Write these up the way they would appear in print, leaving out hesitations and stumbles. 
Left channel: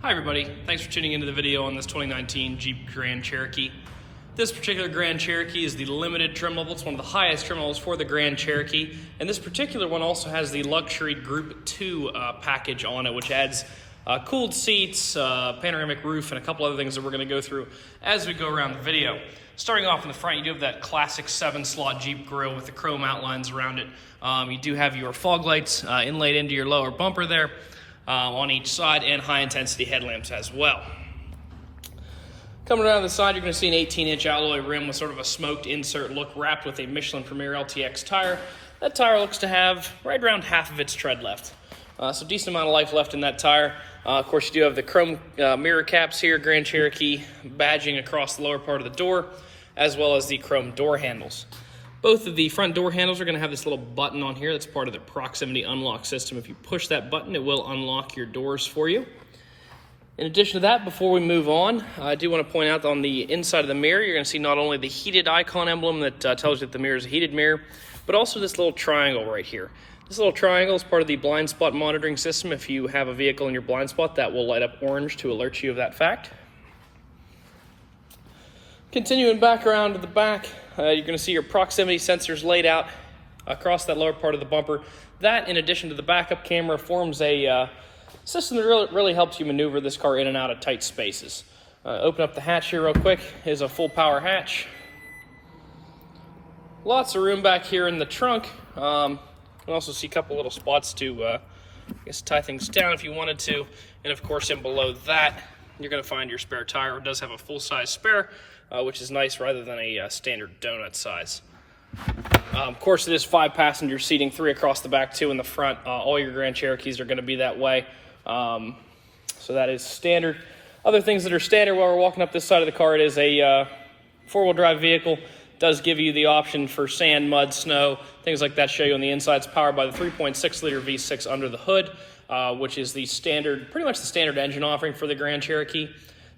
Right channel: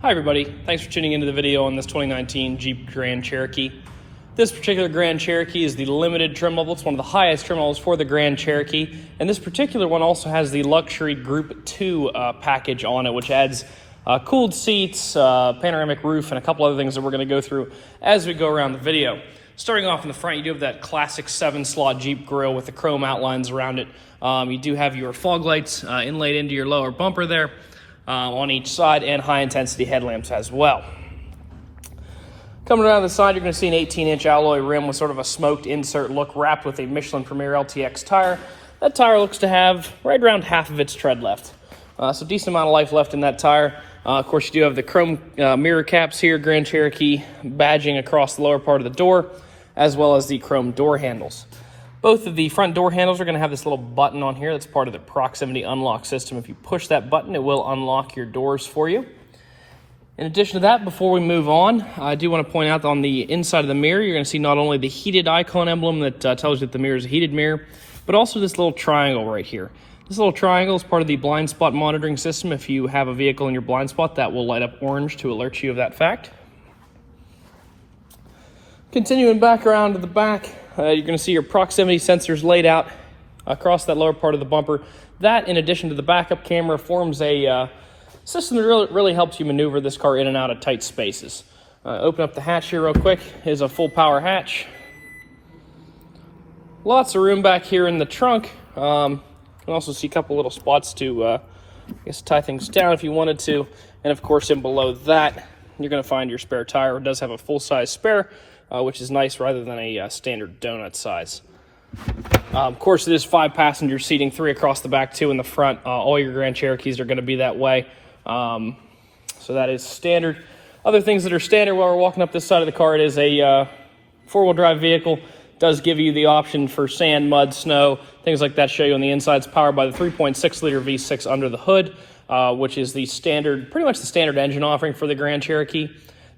Hi everybody, thanks for tuning into the video on this 2019 Jeep Grand Cherokee. This particular Grand Cherokee is the limited trim level. It's one of the highest trim levels for the Grand Cherokee. And this particular one also has the luxury Group 2 package on it, which adds cooled seats, panoramic roof, and a couple other things that we're going to go through as we go around the video. Starting off in the front, you do have that classic 7-slot Jeep grille with the chrome outlines around it. You do have your fog lights inlaid into your lower bumper there. On each side, and high-intensity headlamps as well. Coming around the side, you're going to see an 18-inch alloy rim with sort of a smoked insert look wrapped with a Michelin Premier LTX tire. That tire looks to have right around half of its tread left. So decent amount of life left in that tire. Of course, you do have the chrome mirror caps here, Grand Cherokee badging across the lower part of the door, as well as the chrome door handles. Both of the front door handles are going to have this little button on here. That's part of the proximity unlock system. If you push that button, it will unlock your doors for you. In addition to that, before we move on, I do want to point out that on the inside of the mirror, you're going to see not only the heated icon emblem that tells you that the mirror is a heated mirror, but also this little triangle right here. This little triangle is part of the blind spot monitoring system. If you have a vehicle in your blind spot, that will light up orange to alert you of that fact. Continuing back around to the back, you're going to see your proximity sensors laid out across that lower part of the bumper. That, in addition to the backup camera, forms a system that really helps you maneuver this car in and out of tight spaces. Open up the hatch here real quick. Is a full power hatch. Lots of room back here in the trunk. You can also see a couple little spots to tie things down if you wanted to. And of course, in below that, you're going to find your spare tire. It does have a full-size spare, which is nice rather than a standard donut size. Of course, it is 5-passenger seating, 3 across the back, 2 in the front. All your Grand Cherokees are going to be that way. So that is standard. Other things that are standard while we're walking up this side of the car, it is a 4-wheel drive vehicle. It does give you the option for sand, mud, snow, things like that show you on the inside. It's powered by the 3.6-liter V6 under the hood, which is the standard, pretty much the standard engine offering for the Grand Cherokee.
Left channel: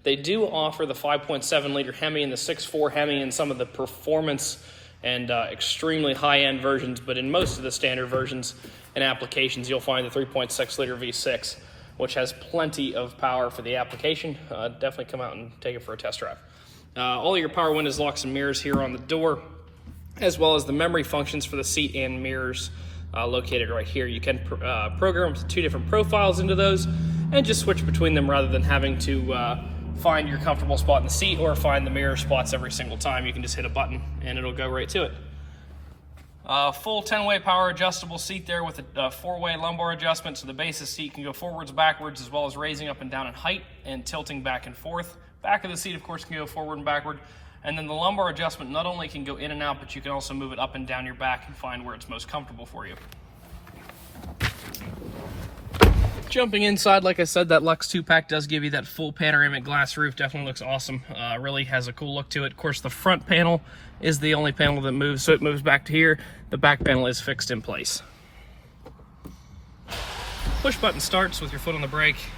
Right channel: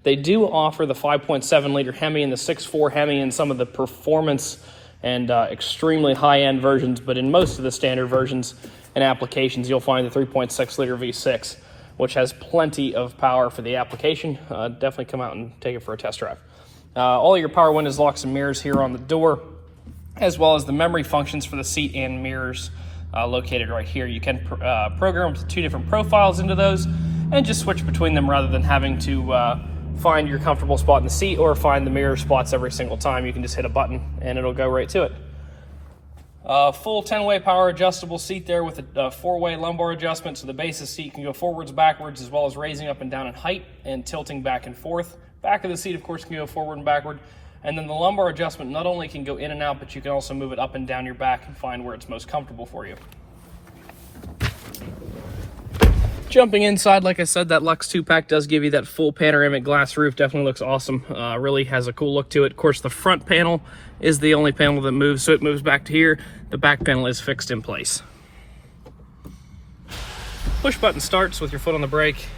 They do offer the 5.7-liter Hemi and the 6.4 Hemi in some of the performance and extremely high-end versions, but in most of the standard versions and applications, you'll find the 3.6-liter V6, which has plenty of power for the application. Definitely come out and take it for a test drive. All your power windows, locks, and mirrors here on the door, as well as the memory functions for the seat and mirrors located right here. You can program 2 different profiles into those and just switch between them rather than having to find your comfortable spot in the seat or find the mirror spots every single time. You can just hit a button and it'll go right to it. Full 10-way power adjustable seat there with a 4-way lumbar adjustment, so the base of the seat can go forwards, backwards, as well as raising up and down in height and tilting back and forth. Back of the seat, of course, can go forward and backward. And then the lumbar adjustment not only can go in and out, but you can also move it up and down your back and find where it's most comfortable for you. Jumping inside, like I said, that Lux 2-pack does give you that full panoramic glass roof. Definitely looks awesome. Really has a cool look to it. Of course, the front panel is the only panel that moves, so it moves back to here. The back panel is fixed in place. Push button starts with your foot on the brake.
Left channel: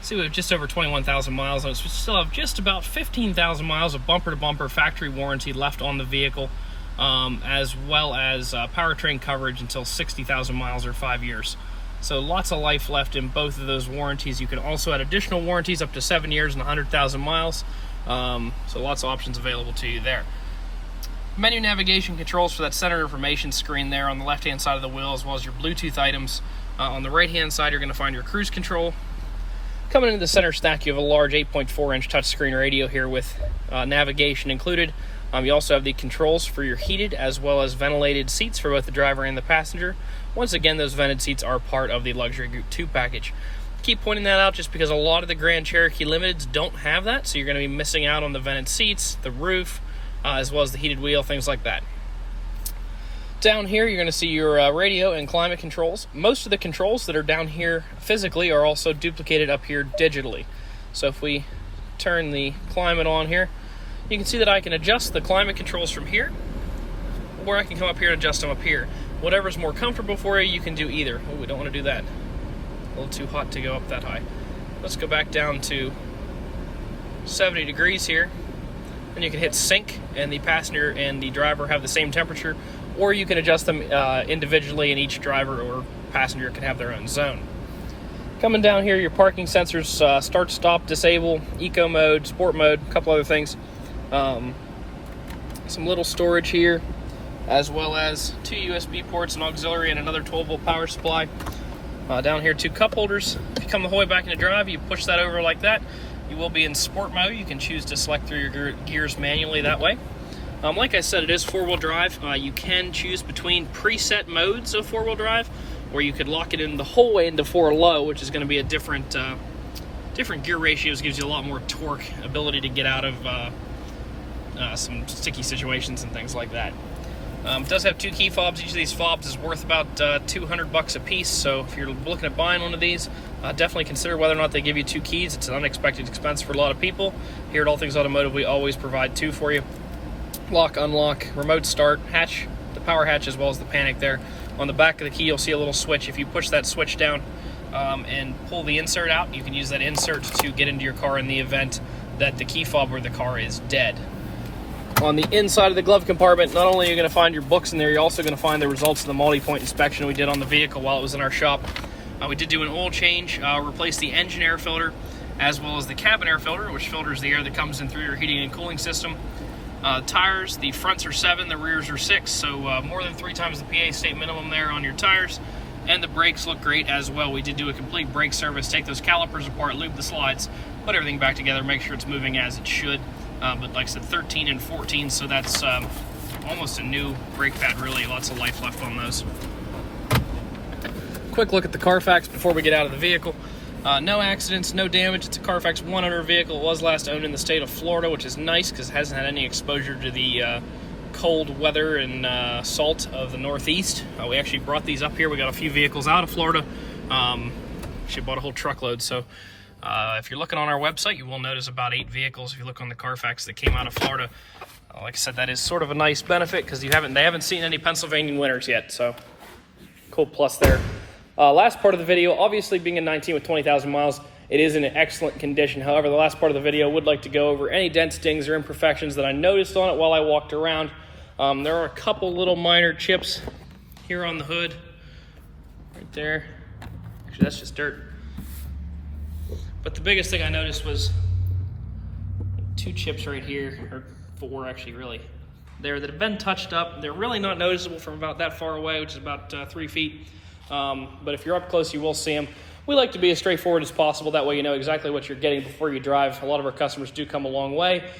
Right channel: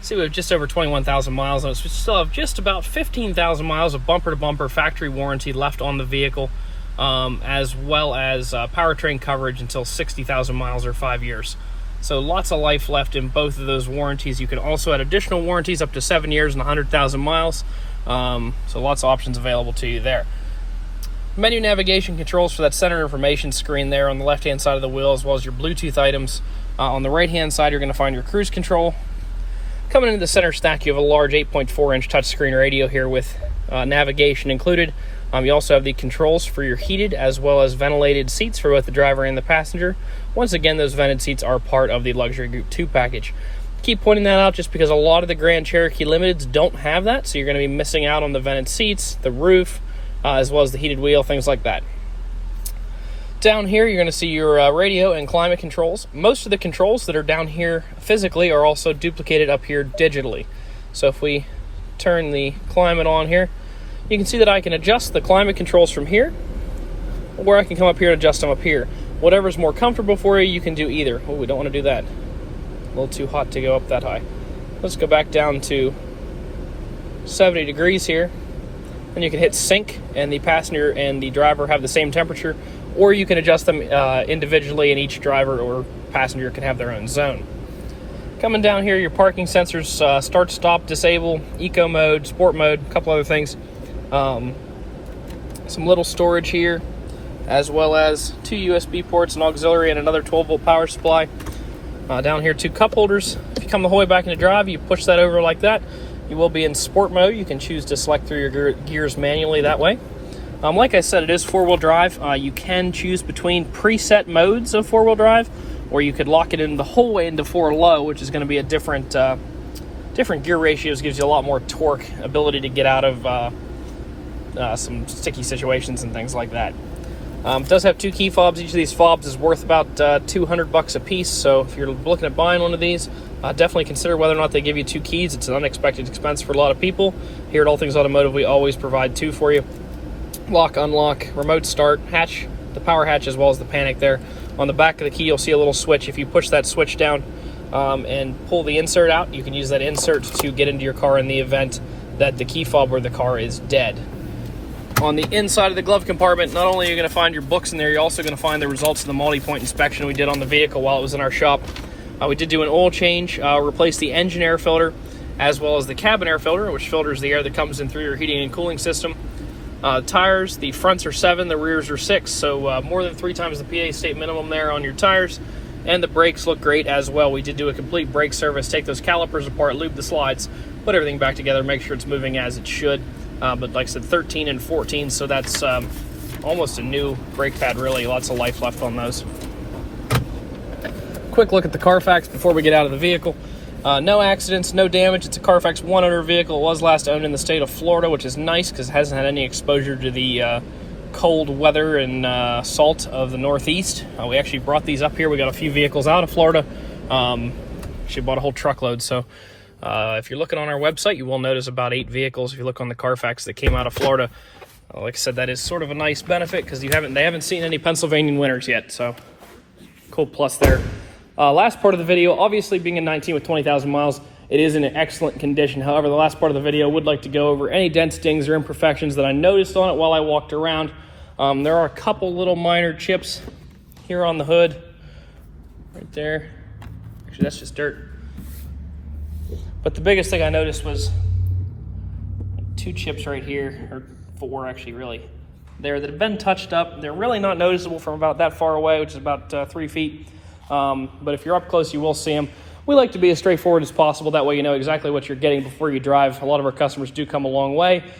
See, we have just over 21,000 miles on it. So we still have just about 15,000 miles of bumper-to-bumper factory warranty left on the vehicle, as well as powertrain coverage until 60,000 miles or 5 years. So lots of life left in both of those warranties. You can also add additional warranties up to 7 years and 100,000 miles. So lots of options available to you there. Menu navigation controls for that center information screen there on the left-hand side of the wheel, as well as your Bluetooth items. On the right-hand side, you're going to find your cruise control. Coming into the center stack, you have a large 8.4-inch touchscreen radio here with navigation included. You also have the controls for your heated as well as ventilated seats for both the driver and the passenger. Once again, those vented seats are part of the Luxury Group 2 package. Keep pointing that out just because a lot of the Grand Cherokee Limiteds don't have that, so you're going to be missing out on the vented seats, the roof, as well as the heated wheel, things like that. Down here, you're going to see your radio and climate controls. Most of the controls that are down here physically are also duplicated up here digitally. So if we turn the climate on here, you can see that I can adjust the climate controls from here, or I can come up here and adjust them up here. Whatever's more comfortable for you, you can do either. Oh, we don't want to do that. A little too hot to go up that high. Let's go back down to 70 degrees here. And you can hit sync, and the passenger and the driver have the same temperature, or you can adjust them individually, and each driver or passenger can have their own zone. Coming down here, your parking sensors, start, stop, disable, eco mode, sport mode, a couple other things. Some little storage here, as well as 2 USB ports, an auxiliary, and another 12-volt power supply. Down here, 2 cup holders. If you come the whole way back into drive, you push that over like that. You will be in sport mode. You can choose to select through your gears manually that way. Like I said, it is 4-wheel drive. You can choose between preset modes of 4-wheel drive, or you could lock it in the whole way into 4 low, which is going to be a different gear ratios, gives you a lot more torque, ability to get out of some sticky situations and things like that. It does have 2 key fobs. Each of these fobs is worth about $200 a piece, so if you're looking at buying one of these, definitely consider whether or not they give you 2 keys. It's an unexpected expense for a lot of people. Here at All Things Automotive, we always provide 2 for you. Lock, unlock, remote start, hatch, the power hatch, as well as the panic there. On the back of the key, you'll see a little switch. If you push that switch down and pull the insert out, you can use that insert to get into your car in the event that the key fob or the car is dead. On the inside of the glove compartment, not only are you going to find your books in there, you're also going to find the results of the multi-point inspection we did on the vehicle while it was in our shop. We did do an oil change, replace the engine air filter, as well as the cabin air filter, which filters the air that comes in through your heating and cooling system. Tires, the fronts are 7, the rears are 6, so more than 3 times the PA state minimum there on your tires. And the brakes look great as well. We did do a complete brake service, take those calipers apart, lube the slides, put everything back together, make sure it's moving as it should. But like I said, 13 and 14, so that's almost a new brake pad, really. Lots of life left on those. Quick look at the Carfax before we get out of the vehicle. No accidents, no damage. It's a Carfax 1-owner vehicle. It was last owned in the state of Florida, which is nice because it hasn't had any exposure to the cold weather and salt of the Northeast. We actually brought these up here. We got a few vehicles out of Florida. She bought a whole truckload. So if you're looking on our website, you will notice about 8 vehicles. If you look on the Carfax that came out of Florida, like I said, that is sort of a nice benefit because they haven't seen any Pennsylvania winters yet. So cool plus there. Last part of the video, obviously being a 19 with 20,000 miles, it is in an excellent condition. However, the last part of the video, I would like to go over any dents, dings, or imperfections that I noticed on it while I walked around. There are a couple little minor chips here on the hood, right there. Actually, that's just dirt. But the biggest thing I noticed was 2 chips right here, or 4 actually, really, there that have been touched up. They're really not noticeable from about that far away, which is about 3 feet. But if you're up close, you will see them. We like to be as straightforward as possible. That way you know exactly what you're getting before you drive. A lot of our customers do come a long way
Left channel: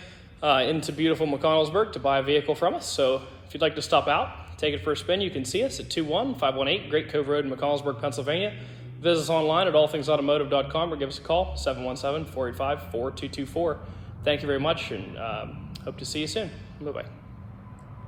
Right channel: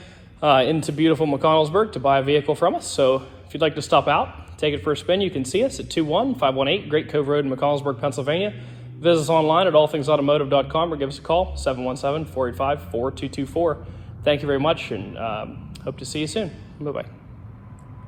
into beautiful McConnellsburg to buy a vehicle from us. So if you'd like to stop out, take it for a spin, you can see us at 21518 Great Cove Road in McConnellsburg, Pennsylvania. Visit us online at allthingsautomotive.com or give us a call, 717-485-4224. Thank you very much, and hope to see you soon. Bye-bye.